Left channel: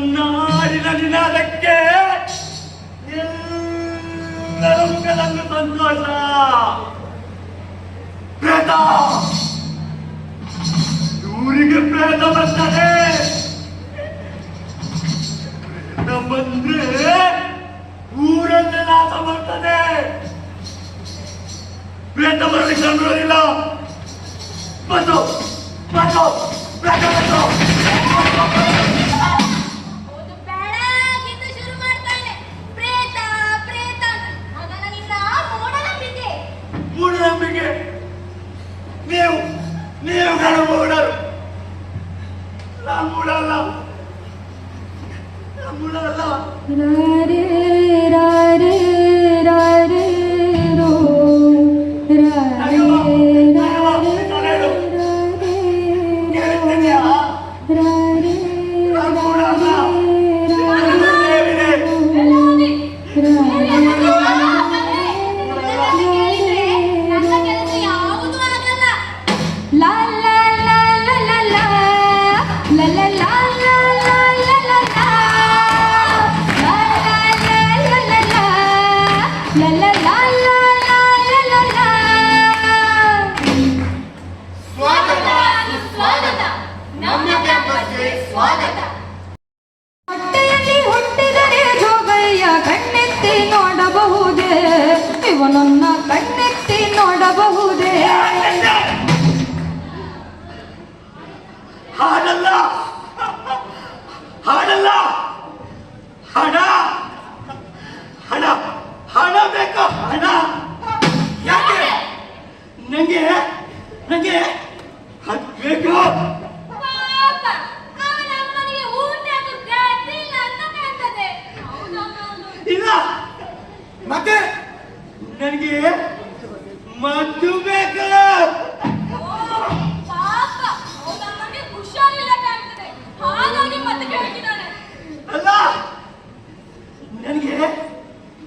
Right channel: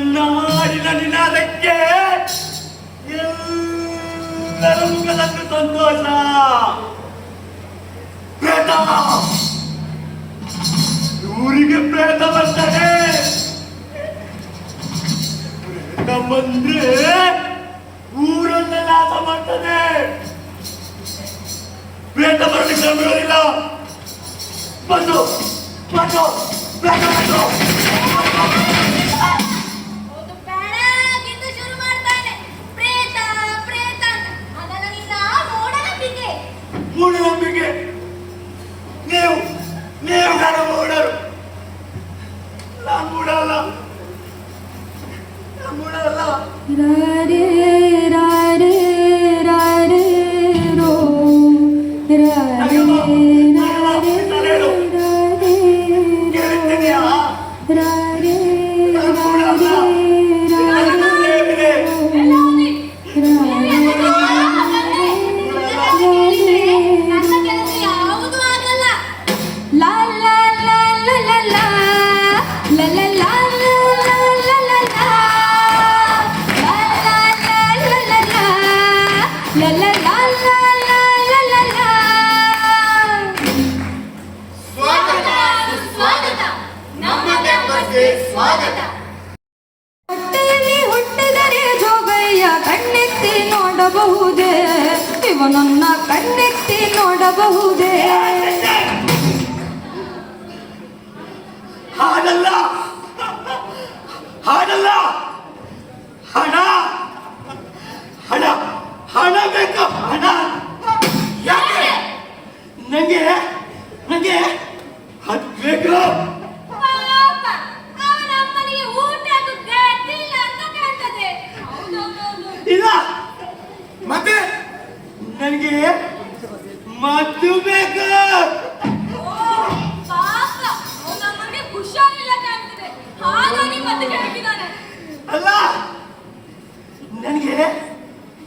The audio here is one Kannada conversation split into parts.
ನನ್ನ ಹಾಡಿನ ನಿನಾದಕ್ಕೆ ಎಲ್ಲರ ಮುಖದಲ್ಲೂ ಸಂತೋಷ. ಪ್ರೇತ, ಊರಿಗೆ ಪ್ರೇತ ಬರ್ತದೆ. ಪ್ರೇತ ಬಂದ್ರೆ ಊರನ್ನ ನಾಶ ಮಾಡ್ತದೆ. ಪ್ರೇತ ಬರಲಿಕ್ಕೆ ನೋಡಿಲ್ಲ. ಬಂದು ಬಂದು ಪ್ರೇತ ಬಂದು ಮೂಢನಂಬಿಕೆ. ನೀವು ನನ್ನ ಮೂಢರು. ನಾನು ಮೂಢಲ್ಲ. ರಾರೇ ರಾರೇ ರಾರೇ ರೋ ರಾರೇ ರಾರೇ ರಾರೇ ಹೊಟ್ಟೆಯಲ್ಲಿ ಹುಟ್ಟಿದರೆ ಜೋಗಯ್ಯ ಕಣ್ಣೆತ್ತಿ ನೋಡಬಹುದೇ? ಇವನನ್ನ ಕಣ್ಣೆತ್ತಿ ನೋಡಬಹುದೇ? ಹಾಡಲ್ಲ ಹಾಡಲ್ಲ. ಹಣ ಹಣ ಹಣ ಬೇಕು. ಹಣ ಯಾಕೆ? ನಂಗೆ ನಂಗೆ ಅದು ಬೇಕು. ಇಲ್ಲ ಮತ್ತೆ ನನಗೆ ಮದ್ದು ಬೇಕು. ಅಲ್ಲ, ನನಗೆ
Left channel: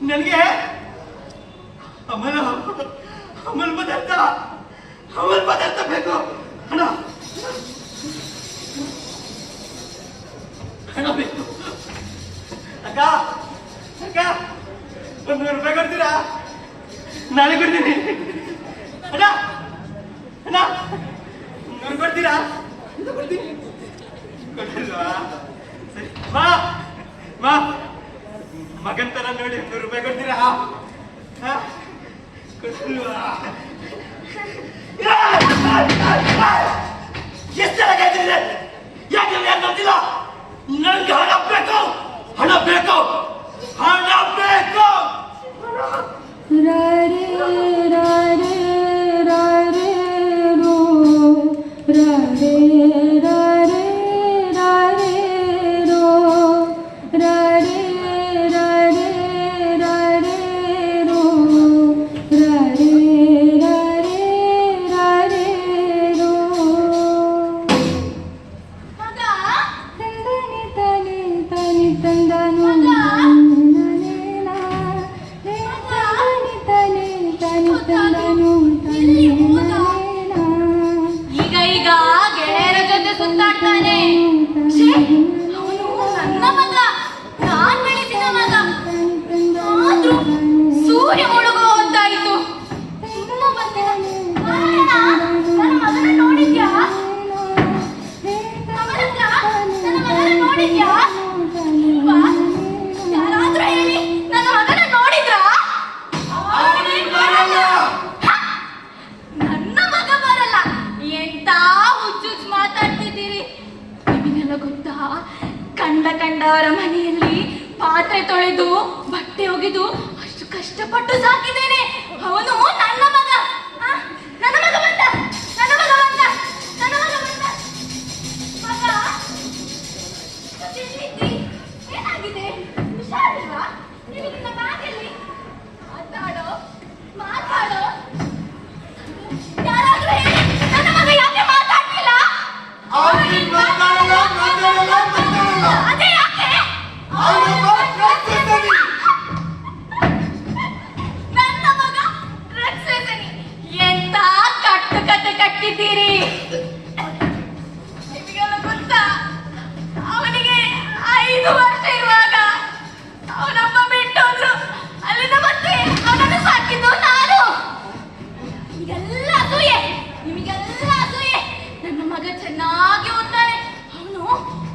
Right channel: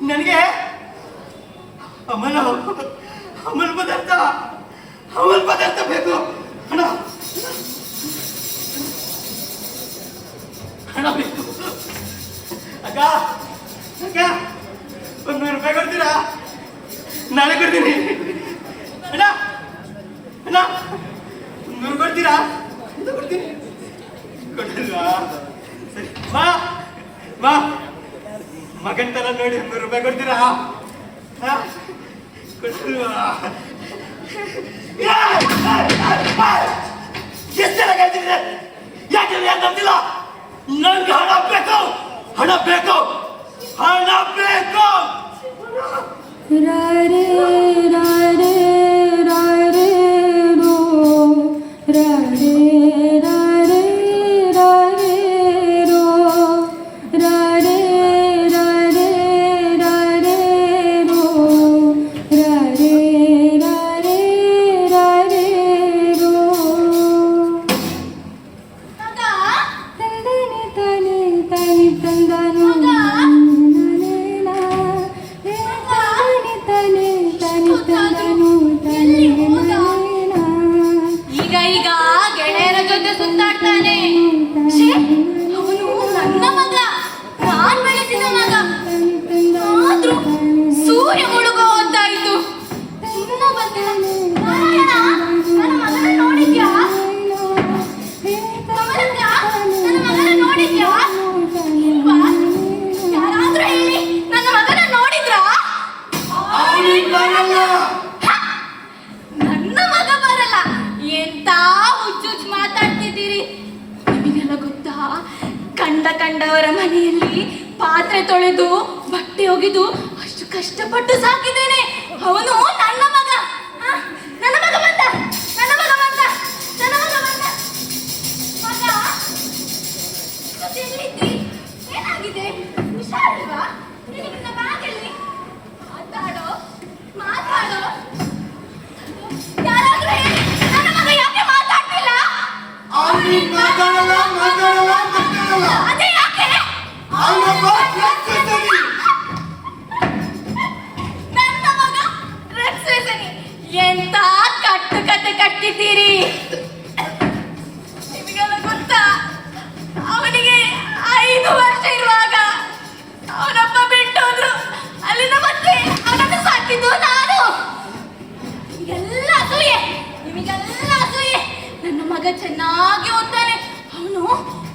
ನನಗೆ ಅಮಲ ಪದಾರ್ಥ ಬೇಕು. ಹಣ ಹಣ ಬೇಕು. ಅಕ್ಕ ಅಕ್ಕ, 100 ರೂಪಾಯಿ ಕೊಡ್ತೀರಾ? ನಾಳೆ ಕೊಡ್ತೀನಿ. ಅಣ್ಣ ಅಣ್ಣ, 100 ಕೊಡ್ತೀರಾ? ಕೊಡ್ತೀನಿ. ಕೊಡಲ್ವಾ? ಸರಿ, ಬಾ ಬಾ. ಮಗನ್ ತರ ನೋಡಿ 100 ರೂಪಾಯಿ ಕೊಡ್ತೀರಾ? ಕೊಡಲ್ವಾ? ಎಷ್ಟು ಹೇಳ್ತಿದ್ರೆ ಯಾಕೆ ಗೊತ್ತಿಲ್ಲ. ನಂಗೆ ಹಣ ಬೇಕು. ಹಣ ಬೇಕು. ಹಣ ಬೇಕು. ರಾರೇ ರಾರೇ ರಾರೇ ರೋ ರಾರೇ ರಾರೇ ರಾರೇ ರೋ ರಾರೇ ರಾರೇ ರಾರೇ ರೋ ರಾರೇ ರಾರೇ ರಾರೇ ರೋ. ತಂದನಿ ತನಿ ತನಿ ತಂದನು ಈಗ ಈಗ ಗೆಳೆಯರ ಜೊತೆ ಸುತ್ತಾಡ್ತಾನೆ. ಅವನು ನನ್ನ ಮಗ, ನಾನ್ ಬೆಳೆಸಿದ ಮಗ. ಆದ್ರೂ ಸೂರ್ಯ ಮುಳುಗೋ ಹೊತ್ತಾಯ್ತು. ನನ್ನ ಮಗನ ನೋಡಿದ್ಯಾ? ನನ್ನ ಮಗನ ನೋಡಿದ್ಯಾ? ಯಾರಾದ್ರೂ ಹೇಳಿ, ನನ್ನ ಮಗನ ನೋಡಿದ್ರಾ? ನನ್ನ ಮಗ ಬರಲ್ಲ. ಎಂತ ಹುಚ್ಚುಚ್ಚು ಮಾತಾಡ್ತಿದ್ದೀರಿ. ನಿಮಗೆಲ್ಲ ಗೊತ್ತಾ, ಕಂಡವರ ಮನೆಯಲ್ಲಿ ಪಾತ್ರೆ ತೊಳೆದು ಬಟ್ಟೆ ಒಗೆದು ಅಷ್ಟು ಕಷ್ಟಪಟ್ಟು ಸಾಕಿದ್ದೇನೆ. ಅವನು ನನ್ನ ಮಗ. ನನ್ನ ಮಗ ಬಂದ. ಏನಾಗಿದೆ? ಹುಷಾರಿಲ್ವಾ? ನಿನ್ನ ಬ್ಯಾಗಲ್ಲಿ ಮಾತಾಡೋ. ಯಾರಾದ್ರೂ ಹೇಳಿ, ನನ್ನ ಮಗ ಯಾಕೆ ಮಾತಾಡ್ತಿಲ್ಲ? ಅದೇ ಯಾಕೆ? ನನ್ನ ಮಗ ಡ್ರಗ್ಸ್ ಚೆನ್ನಾಗಿ ಓದ್ತಾನೆ. ಅವನು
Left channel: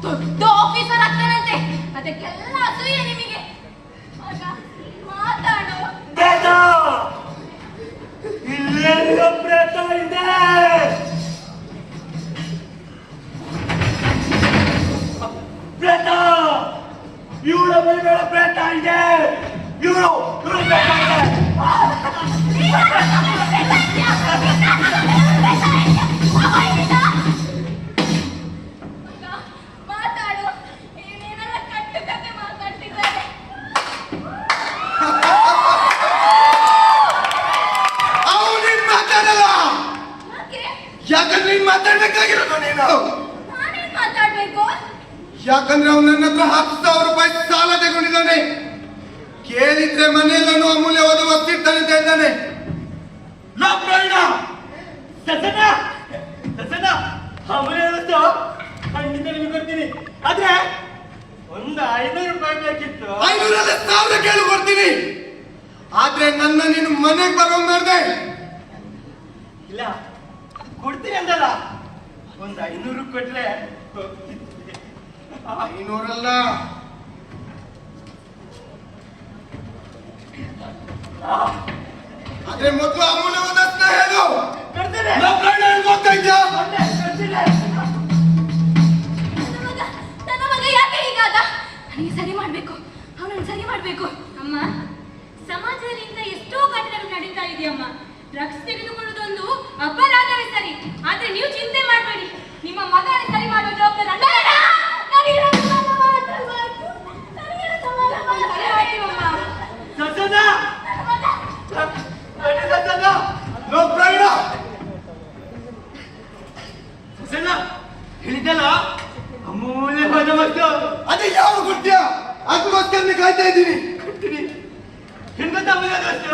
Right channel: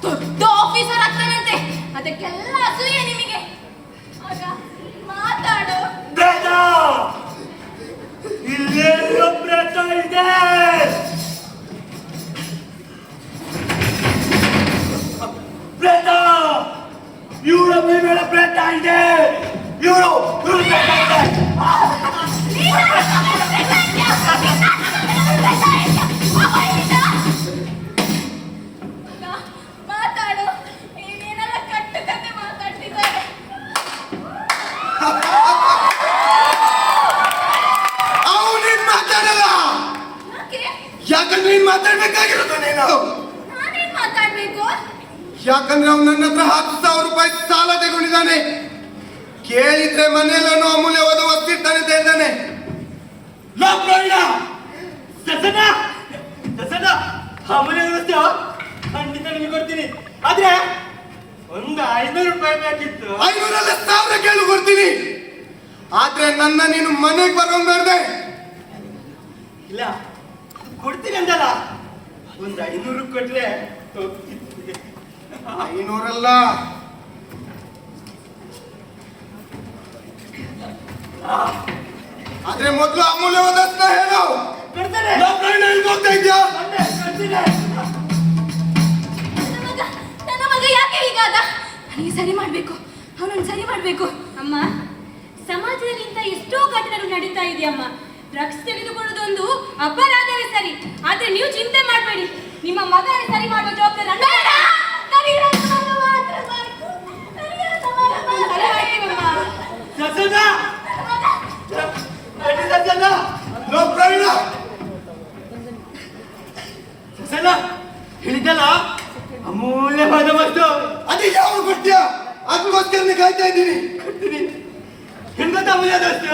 ದೊಡ್ಡ ಆಫೀಸರ್ ಆಗ್ತಾನಂತೆ. ಅದಕ್ಕೆಲ್ಲ ಅಸೂಯೆ ನಿಮಗೆ. ಆಗ ಮಾತಾಡು. ಪ್ರೇತ ಇಲ್ಲೆಲ್ಲೋ ಪ್ರೇತ ಇದೆ. ಪ್ರೇತ ಇವಳ ಮೈ ಮೇಲೆ ಪ್ರೇತ ಇದೆ. ಇವಳು ಪ್ರೇತ ಇದೆ. ಮಾತಾಡು. ಏನೇನೆಲ್ಲ ಕಟ್ಟು ಕತೆ ಮಾತಾಡ್ತಿದ್ದಾರೆ. ಅವನೇನ್ ಮಾತಾಡಲ್ಲ. ಯಾಕೆ? ಯಾಕಂದ್ರೆ ನೀನ್ ಮಾತಾಡ್ಬೇಕಾಗಿರೋದು ನೀನು. ನಾನೇನ್ ಮಾತಾಡ್ಬೇಕು? ಯಾಕಂದ್ರೆ ಅವ್ನು ನನ್ನ ಹತ್ರ 10,000 ರೂಪಾಯಿ ಸಾಲ ತಗೊಂಡಿದ್ದಾನೆ. ಕೇಳಿದ್ರೆ ಮನೆಯಲ್ಲೂ ಅಮೂಲ್ಯವಾದ ವಸ್ತು ಇರ್ತಾನೆ ಅಂತ ಹೇಳ್ತಾನೆ. ಲೋಕಪ್ರಾಣ ಸಸನ ಸಸನ ಅಮೂಲ್ಯ ವಸ್ತು ಖಂಡಿತ ನಿಮಗೆ ಕೊಡ್ತೀನಿ. ಆದ್ರೆ ಒಂದು 500 ರೂಪಾಯಿ ಬೇಕಿತ್ತು. 500 1000 ಕೇಳಿ ಕೊಡ್ತೀನಿ. ಆದ್ರೆ ನನ್ನ ನೀನು ಮನೆಗೆ ಬರೋಂಗ್ ಮಾಡ್ದೆ. ಇಲ್ಲ ಕೊಡ್ತೀನಿ ಅಂದಲ್ಲ, ಒಂದು 500 ಕೊಟ್ರೆ ಹೋಗ್ತಿತ್ತು. 500 ಅಲ್ಲ, ಆದ್ರೆ ಮೊದಲು ಅಮೂಲ್ಯವಾದ ವಸ್ತುನ ಹೇಳು. ಕೊಡ್ತಾರೆ. ಲೋಕಪ್ರಾಣ ಎಲ್ಲಿ ಹೋಗ್ತಾ ಇದ್ಯಾ? ಮೊನ್ನೆ ಕೊಡ್ತೀನಿ. ನನ್ನ ಮಗ ಯಾಕೆ ಹೀಗಾದ? ನನಗೆ ಸರಿ ಮಾಡ್ಬೇಕು. ಅವನನ್ನು ಸರಿ ಮಾಡ್ಬೇಕು. ಅಮ್ಮ, ಸಮಾಜದಲ್ಲಿ ಇಂಥ ಎಷ್ಟೋ ಘಟನೆಗಳು ನಡೀತಾ ಇದೆಯಮ್ಮ. ಡ್ರಗ್ಸ್ ತೆಗೆದುಕೊಳ್ಳೋದೊಂದು ಅಪರಾಧವೇ ಸರಿ, ಆದ್ರೆ ನೀವು ಚಿಂತೆ ಮಾಡಬೇಡಿ. ನಿಮ್ಮ ಮಗನ ಸರಿ ಮಾಡುವ ಜವಾಬ್ದಾರಿ ನನ್ನ ಬೇಡ! ನನಗೆ ನನ್ನ ಮಗ ಮಾತ್ರ ಬೇಕು. ನನಗೆ ನನ್ನ ಮಗ ಮಾತ್ರ ಸರಿ ಮಾಡ್ತೀವಮ್ಮ. ಸಸನ ನಡಿ ಸಸನ. ಲೋಕಪ್ರಾಣ ಸಸನ ಹೇಳಿದ್ದಲ್ಲ ಅಮೂಲ್ಯವಾದ ವಸ್ತು ಅದೇ ಯಾವ ಕೊಟ್ಟ್ಯ? ಅದಕ್ಕೋಸ್ಕರ ಕಾಯ್ತಾ ಇದ್ದೀನಿ. ಕೊಡ್ತೀನಿ. ನಿಮ್ಗಂತ ಅಮೂಲ್ಯವಾದ ವಸ್ತು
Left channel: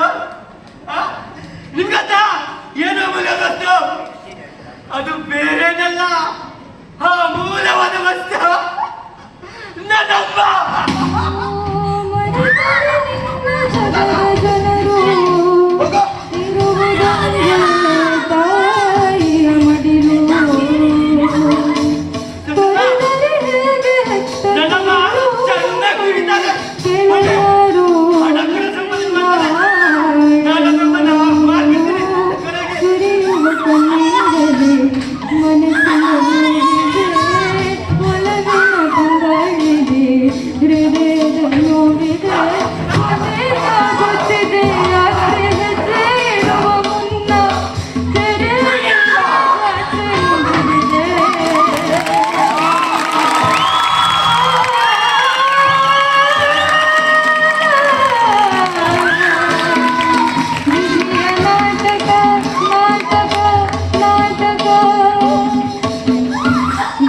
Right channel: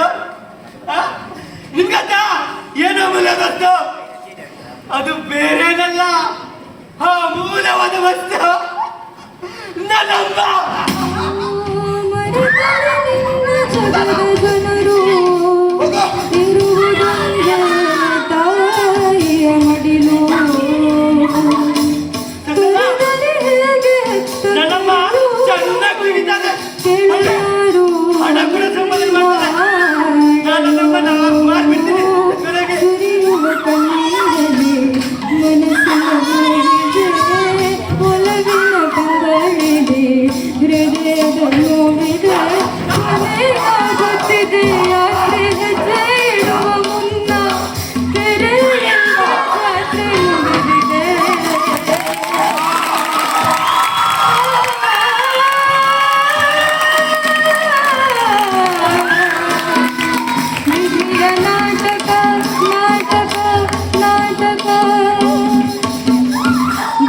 ನಿಮ್ಗಂತ ಏನು ಅಮೂಲ್ಯವಾದ ವಸ್ತು? ಅದು ಬೇರೇನಲ್ಲ, ಆ ಅಮೂಲ್ಯವಾದ ವಸ್ತು ನನ್ನಮ್ಮ. ಜನರು ಹೋಗೋ. ಇರುವುದೊಂದೇ ತಾಯಿಯ ಮಡಿಲು. ತೊರೆದರೆ ಹೇಗೆ ಹೆತ್ತ ನನ್ನಮ್ಮ ಚೆನ್ನಾಗಿ ಕುಡಿತಾರೆ. ಕೇಳರು ಹಣ ಕೂಡ ಸಂಬಂಧ ಬರ್ತಾರೆ. ನಾನು ನಮ್ಮನ್ನ ಮಾಡ್ಬಿಡ್ತೀನಿ ಕೊನೆಗೆ. ಸುರಿಯುವ ಕಣ್ಣೀರಲ್ಲಿ ಮನಸ್ಸಿನ ನೋವಿದೆ, ಒಲವಿನ ಕಂಗಳಿದೆ, ಹೃದಯದ ನೋವಿದೆ. ಗೊತ್ತಿದೆ ಯಾಕೆ ಹೆಜ್ಜೆ ಇಡುವ ಮುನ್ನ ತೆರೆಯುವ ಖಾತ್ರಿ ಉಳಿದಿದೆ. ವಿಧಿಯ ನಾಟಕ ನಾಟಕ ನಾಟಕ,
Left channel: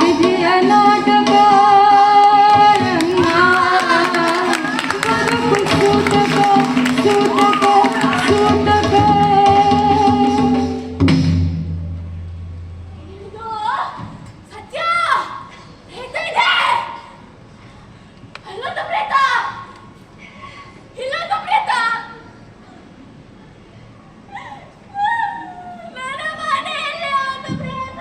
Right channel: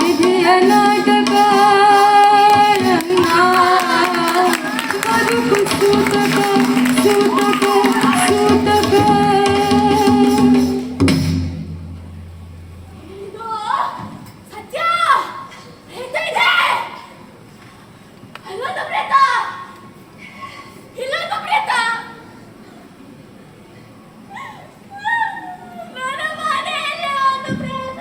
ವಿಧಿಯ ನಾಟಕ ಬದುಕು ಸೂತಕ ಸೂತಕ ಸೂತಕ. ಇದು ಸತ್ಯ. ಪ್ರೇತ ಇದೆ. ಅಲ್ಲೊಂದು ಪ್ರೇತ. ಇಲ್ಲೊಂದು ಪ್ರೇತ. ನನ್ನ ಮನೆಯಲ್ಲಿ ಒಂದು ಪ್ರೇತ.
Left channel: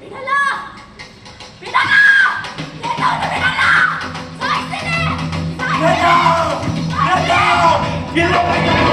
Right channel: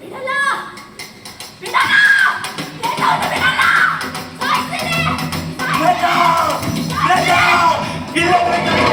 ಬಿಡಲ್ಲ. ಬಿಡಲ್ಲ. ಪ್ರೇತವನ್ನು ಬಿಡಲ್ಲ. ಸಾಯ್ತೀನಿ. ಪ್ರೇತ! ಪ್ರೇತ! ಇಲ್ಲ ಪ್ರೇತ!